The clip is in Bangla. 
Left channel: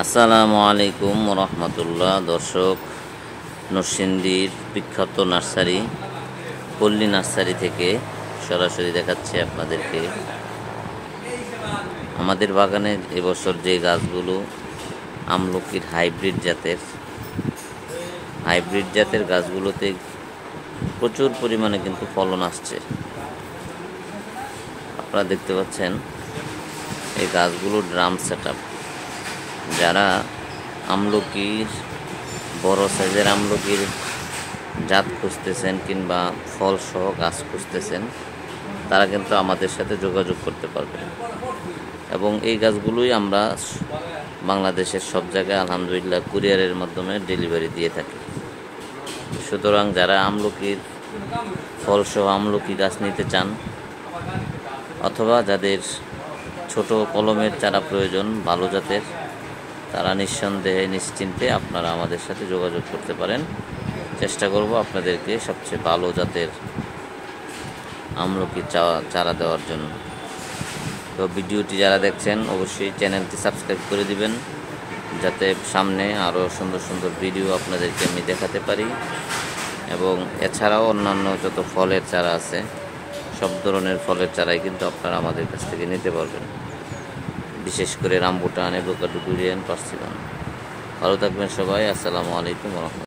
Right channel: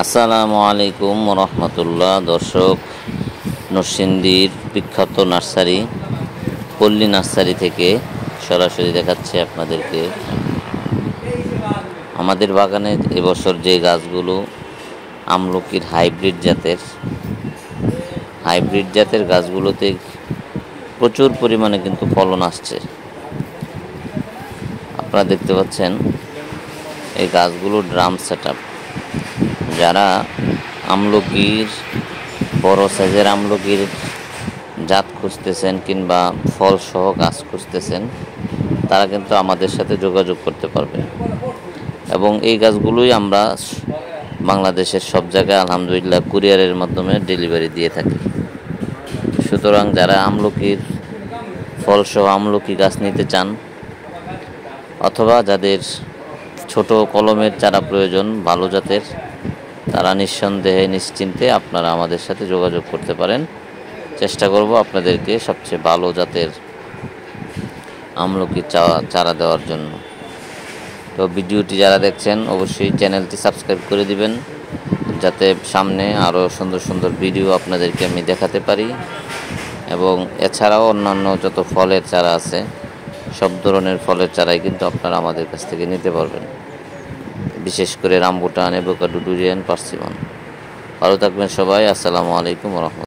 আসসালামু আলাইকুম রহমতুল্লাহ। দর্শক, নরসিংদীর বিখ্যাত নার্সারি পল্লী নার্সারি থেকে সরাসরি দেখাচ্ছে আপনাদেরকে আমাদের বাগানের এবছর যে গাছগুলো আমলকির হাইব্রিড জাতের গাছগুলোতে প্রচুর পরিমাণে কিন্তু ফলন আসছে। আপনারা দেখতে পাচ্ছেন এই গাছগুলো ড্রাম সেটআপ। যারা আমলকির বড় সাইজের আমলকির জাত খুঁজতেছেন কিংবা ফলসহ গাছ খুঁজতেছেন, তারা কিন্তু আমাদের সাথে যোগাযোগ করতে পারবেন। এবং এই গাছগুলোই আমরা বাংলাদেশের সব জায়গায় আলহামদুলিল্লাহ কুরিয়ারের মাধ্যমে ডেলিভারি দিয়ে থাকি। সুতরাং যারা আমলকির ফলসহ আমলকি গাছ নিতে চান অথবা যাদের ছোট কলমের চারা প্রয়োজন ভালো জাতের, তারা নিঃসন্দেহে নিশ্চিন্তে আপনারা আমাদের সাথে যোগাযোগ করতে পারেন। চেষ্টা করব আপনাদেরকে সবচেয়ে ভালো জাতের আমলকি চারা দেওয়ার জন্য। তো ভিডিওটি যারা দেখছেন অবশ্যই চ্যানেলটি সাবস্ক্রাইব করে দিবেন, যাতে সামনে আরও সুন্দর সুন্দর ভিডিও আপনাদেরকে আমি দেখাতে পারি। এবং এছাড়াও অন্যান্য যত ফলের চারা আছে, সব ধরনের ফলের চারাই কিন্তু আপনারা আমাদের কাছ থেকে নিতে পারবেন, বিশেষ করে রামবুটান, অ্যাভোকাডো, ডুরিয়ান, পার্সিমন। ভালো থাকবেন সবাই। আসসালামু আলাইকুম রহমতুল্লাহ।